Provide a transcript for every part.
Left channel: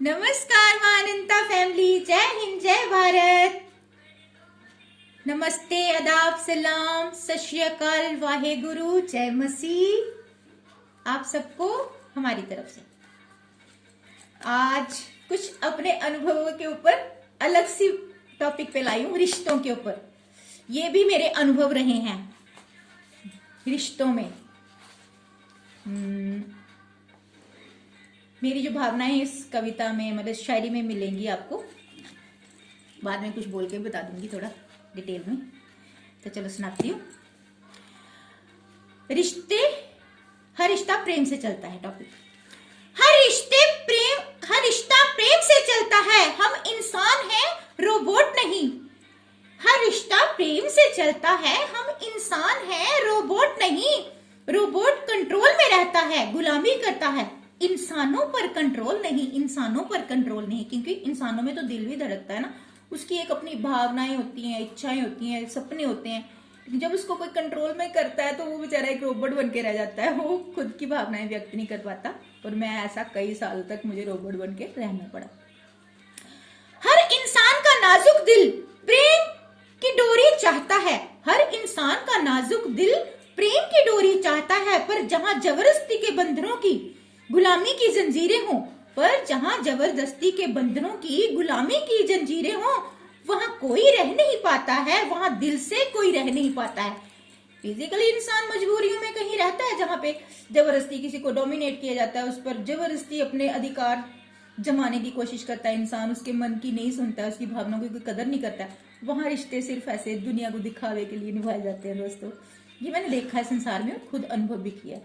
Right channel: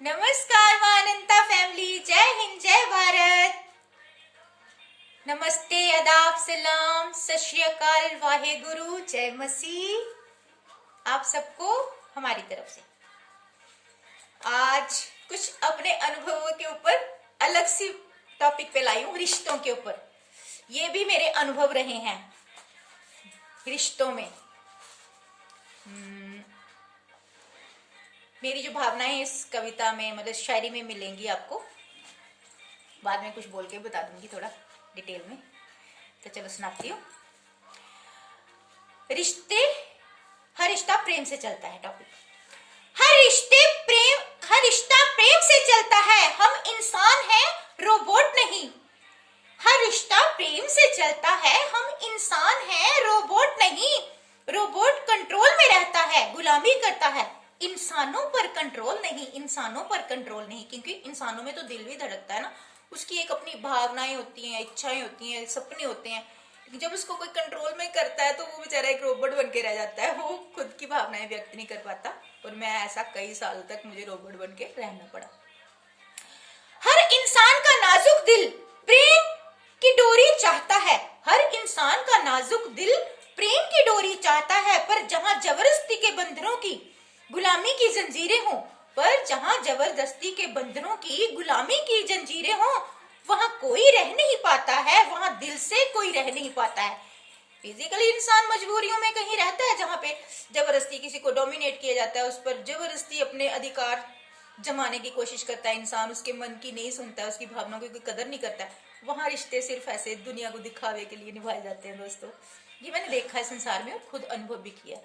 नमस्कार मां अनंता फैमिली, जय हिंद जय भारत। नमस्ते, आदाब, सलाम, सत श्री अकाल, वाहे गुरु, जय मसीह आप सबको हमारी तरफ से। आज कुछ अपने अनुभवों के ऊपर अलग सी टॉपिक पे लाई हूं, रिश्तों के ऊपर। ये भी मेरे अनुभव रहे हैं रिश्तों में। मेरी जो भावनाएं इस कविता में मतलब शायरी में मिलेंगी आपको। बाद में कुछ बोल के बता दूंगी थोड़ा डिटेल में। तो चलो सुनाती हूँ। रिश्ते, हर रिश्ता प्रेम से चलता है। टॉपिक, हर रिश्ता प्रेम से चलता है। हम इंसान हैं, रोबोट नहीं। हर रिश्ता प्रेम से चलता है। हम इंसान हैं, रोबोट नहीं। रोबोट कंट्रोल में रहता है, गुलामी करता है। इंसानों पर कंट्रोल नहीं, इंसानों पर कंट्रोल नहीं। क्योंकि इंसानों में तो दिल भी धड़कता है ना, उसकी एक अपनी भावनाएं होती हैं, इच्छाएं होती हैं, सपने होते हैं। लेकिन जब उसको कोई कंट्रोल में करता है तो वो बेचारा एक रोबोट बन के रह जाता है। वो खुद की भावनाएं व्यक्त नहीं कर पाता। और मैं ऐसा कई साल तक मुझे रोबोट बन के रहना पड़ा। हर इंसान का नाजुक दिल प्रेम की डोरी चाहता है। हर इंसान का नाजुक दिल प्रेम की डोरी चाहता है। पर जहां जबरदस्ती के बंधनों की गुलामी की जंजीरें हों, पर जहां जबरदस्ती के बंधनों की गुलामी की जंजीरें हों, वहां कोई रह नहीं पाता है। वहां दिल से कोई रह नहीं पाता है। फिजिकली इंसान मजबूरियों में कहीं रहता है, जहां पे जबरदस्ती किसी को डोमिनेट किया जाता है, उस पर जबरदस्ती अपने अधिकार जमाने की कोशिश करता है इंसान। उसके मन की नहीं सुनता है, उसकी भावनाओं की कोई कदर नहीं करता है। वहां रिश्ते सिर्फ ऐसे दुनिया को दिखावे के लिए निभाए जाते हैं। दोस्तों, ये मैंने देखा है संसार में, खुद अनुभव भी किया।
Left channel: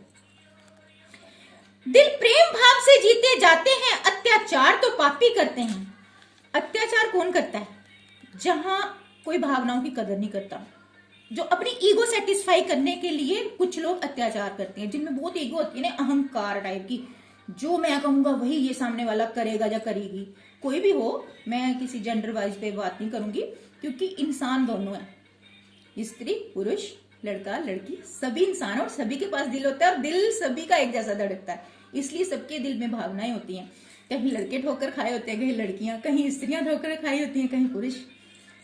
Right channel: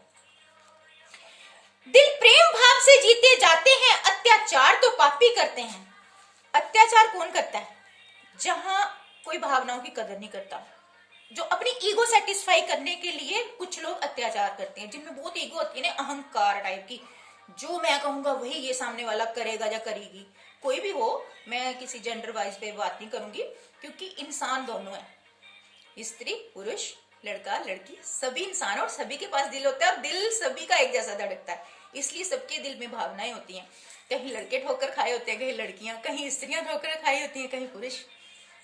दिल प्रेम भाव से जीते जाते हैं, अत्याचार तो पापी करते हैं। अत्याचार कौन करता है? जहां कोई भावनाओं की कदर नहीं करता, जो अपनी ईगो सेटिस्फाई करने के लिए कुछ लोग अत्याचार करते हैं, जिनमें बहुत ईगो होती है ना, अहंकार टाइप की। जो मैं कहूंगा वही ये सामने वाला करेगा या करेगी। कोई भी हो, मैं किसी जेंडर वाइज पे बात नहीं करूंगी, क्योंकि इंसान दोनों है, स्त्री पुरुष, लड़का लड़की, सभी इंसान। और सभी के पास दिल होता है, और दिल सभी का एक जैसा धड़कता है। इसलिए सबके दिल में भावनाएं होती हैं। कहीं लड़के ठोकर खाए होते हैं, कहीं लड़कियां, कहीं स्त्रियां ठोकर खाई होती हैं, कहीं पुरुष।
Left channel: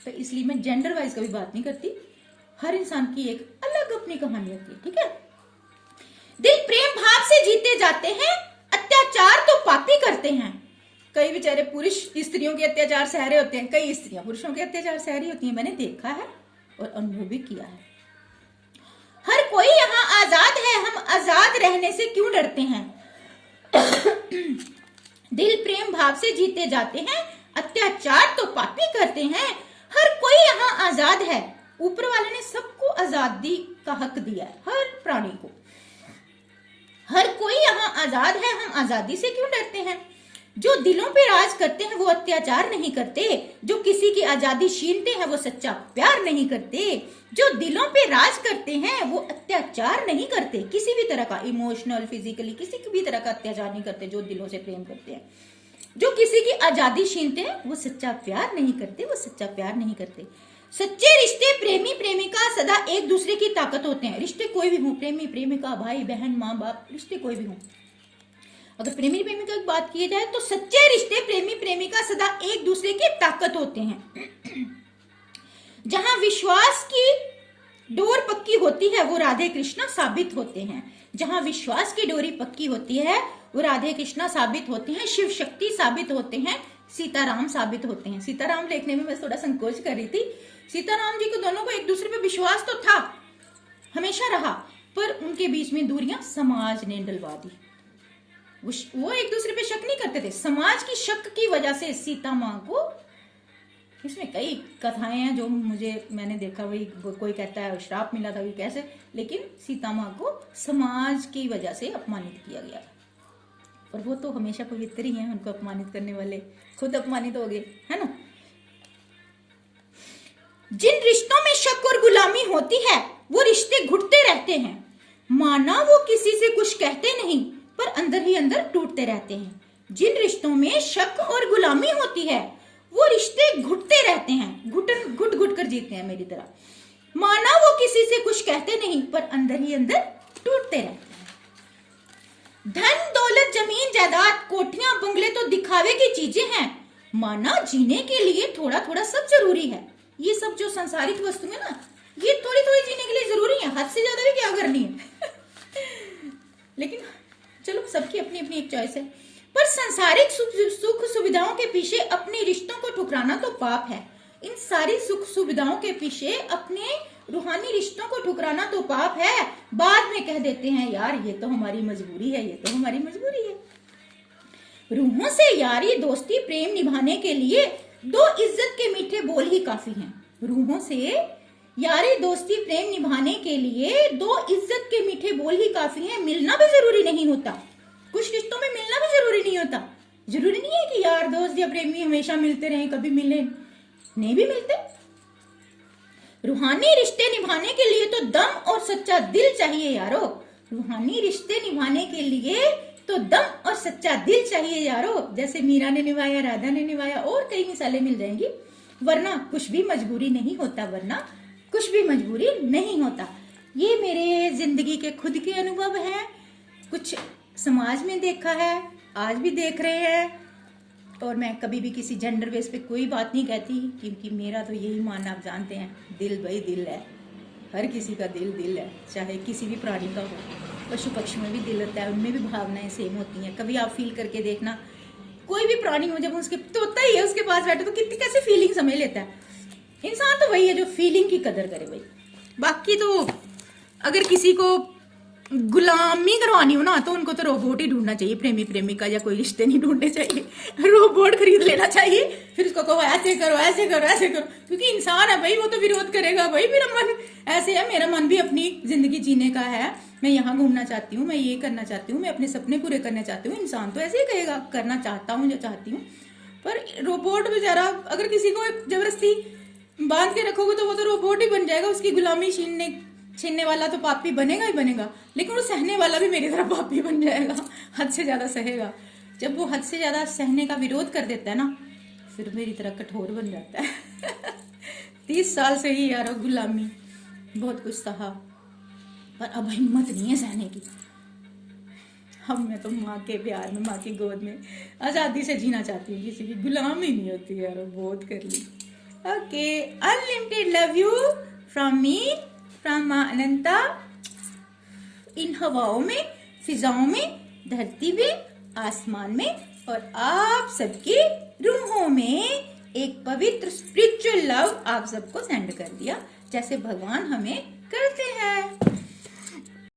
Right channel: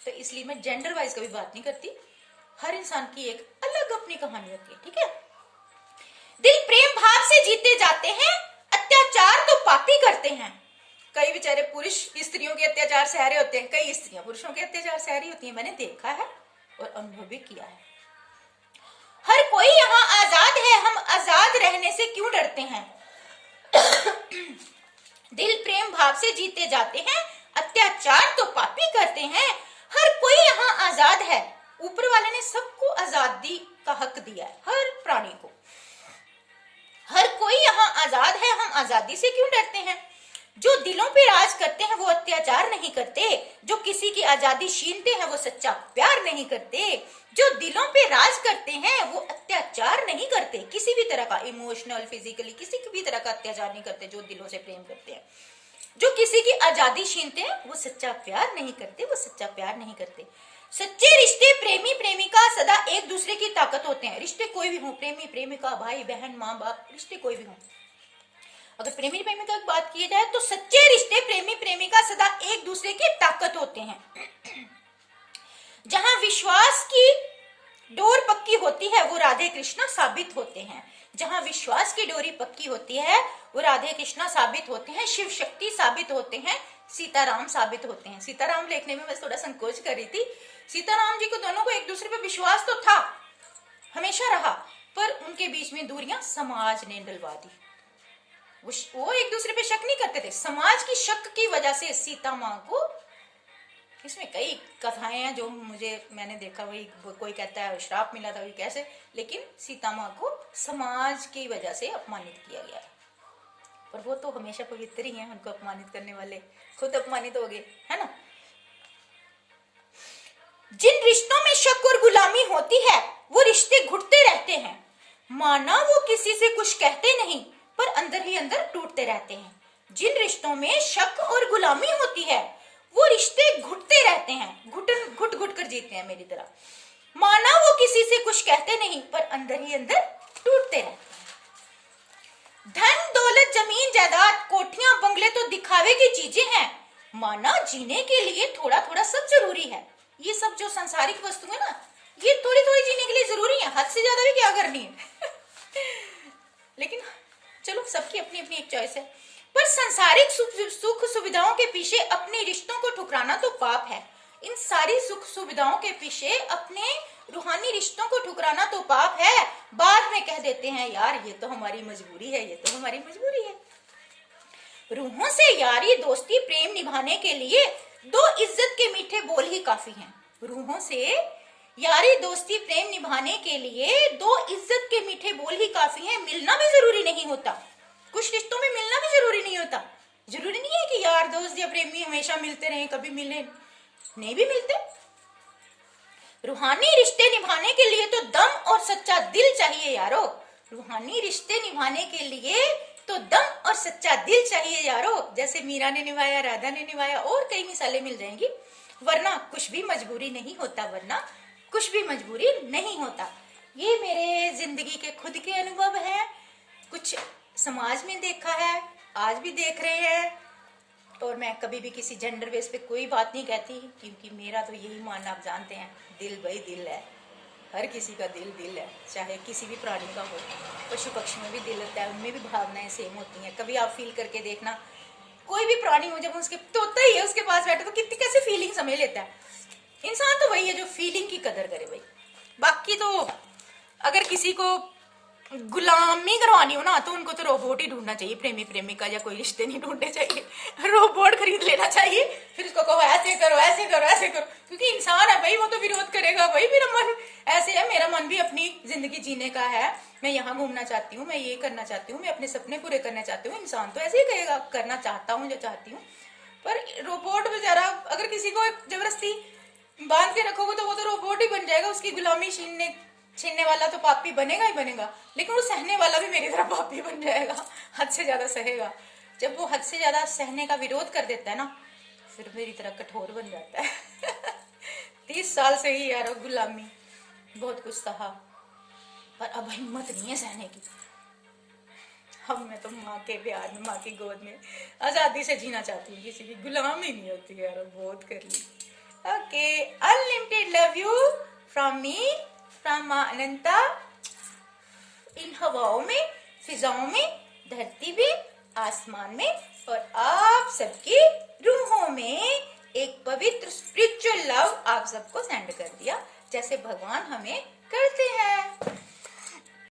तो इसलिए मैं जेंडर वाइज कभी बात नहीं करती। हर इंसान की एक अलग अपनी कहानी होती है, ठीक है। दिल प्रेम भाव से जीते जाते हैं, अत्याचार तो पापी करते हैं। कई बेचारे पुरुष स्त्रियों के अत्याचार सह रहे होते हैं, कई स्त्रियां पुरुषों के अत्याचार सह रही होती हैं। मैंने देखा है और अनुभव भी किया है। हर कोई यहाँ आजाद है, हम आजाद रहने से क्यों डरते हैं। दिल प्रेम भाव से जीते जाते हैं, अत्याचार तो पापी करते हैं। हर कोई यहाँ आजाद है। ऊपर वाले ने सबको आजादी का हक दिया है, हर प्राणी को। हर कोई यहाँ आजाद है, हम आजादी से क्यों डरते हैं। जो दिलों पे राज करते हैं वो अत्याचार नहीं करते। जो किसी की आजादी छीनते हैं वो सच्चा प्यार नहीं करते। जो दिलों पे राज करते हैं वो अत्याचार नहीं करते। किसी भी तरह का इमोशनल, फिजिकली, किसी भी तरह का अत्याचार नहीं करते। जो दिलों से प्रेम करते हैं, जो किसी की आजादी छीनते हैं वो सच्चा प्यार नहीं करते। वो सच्चा प्यार नहीं करते। सच्चे रिश्ते प्रेमी प्रेमिका सदा एक दूसरे की ताकत होते हैं। रिश्ते कोई भी हो, प्रेमी प्रेमिका, भाई बहन, माँ बाप, रिश्ते कोई भी हो। अगर प्रेमी प्रेमिका की बात की जाए तो सच्चे रिश्ते प्रेमी प्रेमिका सदा एक दूसरे की ताकत होते हैं। जहां विश्वास की डोर पक्की होती है वो राधे कृष्णा साबित होते हैं। जहां विश्वास की डोरी पक्की होती है वो राधे कृष्णा साबित होते हैं, शिव शक्ति साबित होते हैं, सीताराम साबित होते हैं। सीताराम देखने में मैं थोड़ा संकोच कर रही थी। सीताराम जी को दोनों को एक दूसरे पे विश्वास तो था, हमेशा रहा, पर उनके बीच में दूरियां समाज ने डलवा दी। वो एक दूसरे पे शक नहीं करते थे। समाज की शक की वजह से सीता माँ को, इसमें कई कथाएं हैं जो मैंने देखा, वही कोई कहता है श्राप मिला था, कैसे, लेकिन सीता माँ को समाज की वजह से अपमानित किया गया। पर वो तो हमेशा पवित्र ही हैं, उनको अपमानित करने वाले खुद अपमानित हो गए, है ना। जिन रिश्तों में शक और गुलामी होती है वो रिश्ते घुटते रहते हैं। माना वो किसी से कुछ कहते नहीं, पर अंदर ही अंदर टूटते रहते हैं। जिन रिश्तों में शक और गुलामी होती है वो रिश्ते घुटते रहते हैं, घुट घुट कर जीते हैं मेरी तरह। माना वो किसी से कुछ कहते नहीं, पर अंदर ही अंदर टूटते रहते हैं। धन दौलत जमीन जायदाद कोठियां बंगले तो दिखा दिखावे की चीजें हैं, माना जीने के लिए थोड़ा थोड़ा सब जरूरी है। ये सब जो सांसारिक वस्तु है ना, ये थोड़ी थोड़ी जीने के लिए जरूरी है, हद से ज्यादा भी क्या करनी है। लेकिन चलो, सबकी अपनी अपनी एक चॉइस है। पर सांसारिक सुख सुविधाओं के पीछे अपने रिश्तों को ठुकराना तो पाप है। इन सारी सुख सुविधाओं के पीछे अपने रूहानी रिश्तों को ठुकराना तो पाप है। बाद में कह देते हैं यार ये तो हमारी मजबूरी है, ये तो हमारी मजबूरी है। रूहों से यारी दोस्ती प्रेम निभाने के लिए दो इज्जत के मीठे बोल ही काफी हैं। रूहों से यारी दोस्ती प्रेम निभाने के लिए दो इज्जत के मीठे बोल ही काफी हैं। मिलना भी जरूरी नहीं होता, कुछ रिश्तों में मिलना भी जरूरी नहीं होता। जरूरी नहीं है कि यार दोस्त या प्रेमी हमेशा मिलते रहे, कभी मिले नहीं भी मिलते। रूहानी रिश्ते निभाने के लिए तो दम और सच्चा दिल चाहिए यारो। रूहानी रिश्ते निभाने के लिए तो दम और सच्चा दिल चाहिए यारो। जैसे मीरा ने निभाया, राधा ने निभाया, और कई मिसालें मिल जाएंगी। वरना कुछ भी मजबूरी नहीं होता, वरना कुछ भी मजबूरी नहीं होता। ये मेरे जिंदगी के खुद के अनुभव हैं, कुछ समाज में देखा है, आज भी देख रहे हैं। और मैं कभी भी किसी जेंडर बेस पे कोई बात नहीं कहती, क्योंकि मेरा तो यही मानना, आप जानते हैं, दिल भाई दिल है। हर किसी का दिल दिल है, चाहे किसी भी प्राणी का हो। पशु पक्षी में भी दिल रहता है, उनमें भी भावनाएं सेम होती हैं। कभी आप फील करके देखना, कोई भी प्राणी हो, जब उसके तोता ही है उसके पास बैठे तो कितनी कैसे फीलिंग समझ लेता है। इंसान तो वही है जो फीलिंग की कदर करे भाई। बाकी तो अगर किसी को गुलामी करवानी हो ना, तो उनको तो रोबोट ही ढूंढना चाहिए, प्रेमी प्रेमिका या कोई रिश्ते नहीं ढूंढने चाहिए। रोबोट खरीद लेना चाहिए, फिर उसको कहो ऐसे करो ऐसे करो ऐसे करो, क्योंकि इंसान है भाई, वो तो विरोध करेगा। भाई मेरा मन ऐसे है, मेरा मन भी अपनी जिंदगी जीने का है, मैं यहाँ घूमना चाहती हूँ, मैं ये करना चाहती हूँ, मैं अपने सपने पूरे करना चाहती हूँ। इंसान तो ऐसे ही कहेगा, करना चाहता हूँ जो चाहती हूँ। पर रोबोट बेचारा, अगर किसी को जबरदस्ती बांध के रखोगे तो वो तो रोबोट ही बन जाएगा। उसकी गुलामी छीनने वाला तो पापी बनेगा ही बनेगा, लेकिन वो सहने वाला भी मेरी तरह पापी बन जाएगा, हद से ज्यादा सहेगा। जब वो हद से ज्यादा सहने का विरोध कर देता है ना, फिर मेरी तरह कठोर बन जाता है। 30 साल से ही यार गुलामी, बहुत कुछ सहा, पर अब हिम्मत नहीं है सहने की। अब मैं तो माँ के प्यार में, माँ की गोद में आजादी से जीना चाहती हूँ, किसी की गुलामी नहीं होती यार। बहुत कर ली। Okay, unlimited love you from me, from माँ अनंता। इन हवाओं में, फिजाओं में, धरती में, आसमान में, और आप सबकी रूहों में एक पवित्र स्पिरिचुअल लव आप सबको सेंड कर दिया, जैसे भगवान हमें करते हैं।